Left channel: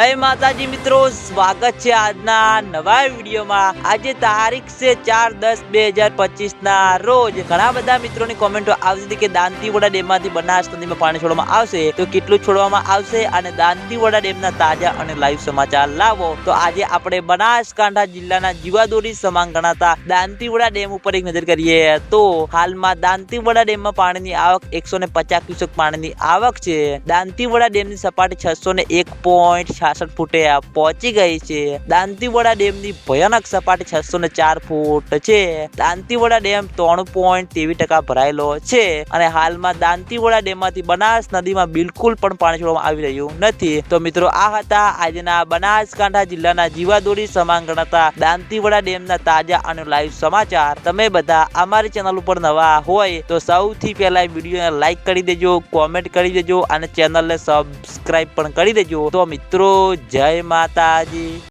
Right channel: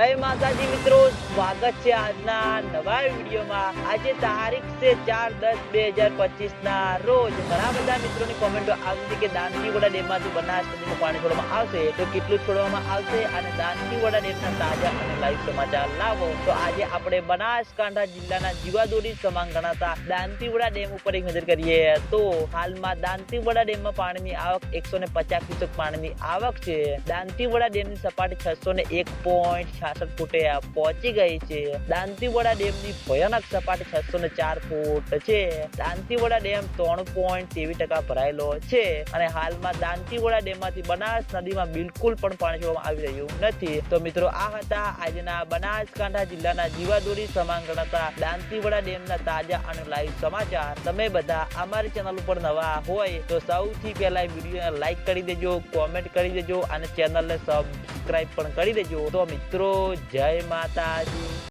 જય માતાજી મિત્રો, સ્વાગત છે આજના નવા વિડીયોમાં. આજે તારીખ છે ચાર દસ બે હજાર પચીસ ના રોજ. ઘણા બધા મિત્રોની કોમેન્ટો આવી હતી કે દાંતીવાડા ડેમમાંથી બનાસ નદીમાં પાણી છોડવામાં આવશે. તો કેટલું છોડવામાં આવશે અને દાંતીવાડા ડેમના તાજા અને લાઈવ સમાચાર લાવો. તો આજે આપણે બનાસકાંઠા જિલ્લાના જીવાદોરી સમાન ગણાતા દાંતીવાડા ડેમ ઉપર એક નજર કરીએ તો હાલમાં દાંતીવાડા ડેમમાં પાણીની આવક એકસો ને પચાસ ક્યુસેક પાણીની આવક છે. દાંતીવાડા ડેમની સપાટી છસો ને એક પોઈન્ટ છાસઠ ફૂટે પહોંચી ગઈ છે. દાંતીવાડા ડેમની ભયાનક સપાટી છસો ને ચાર ફૂટ છે. દાંતીવાડા ડેમ ત્રણ પોઈન્ટ તેવી ટકા ભરાયેલો છે અને હાલમાં દાંતીવાડા ડેમમાંથી બનાસ નદીમાં બિલકુલ પણ પાણી છોડવામાં આવી રહ્યું નથી. તો મિત્રો, આ હતા આજના બનાસકાંઠા જિલ્લાના જીવાદોરી સમાન ગણાતા દાંતીવાડા ડેમના તાજા અને લાઈવ સમાચાર. તમે બધા અમારી ચેનલ ઉપર નવા હોય તો સૌથી પહેલા વિડીયોને લાઈક કરી દેજો, કોમેન્ટ કરી દેજો અને ચેનલને સબસ્ક્રાઈબ પણ કરી દેજો. તો મિત્રો જય માતાજી.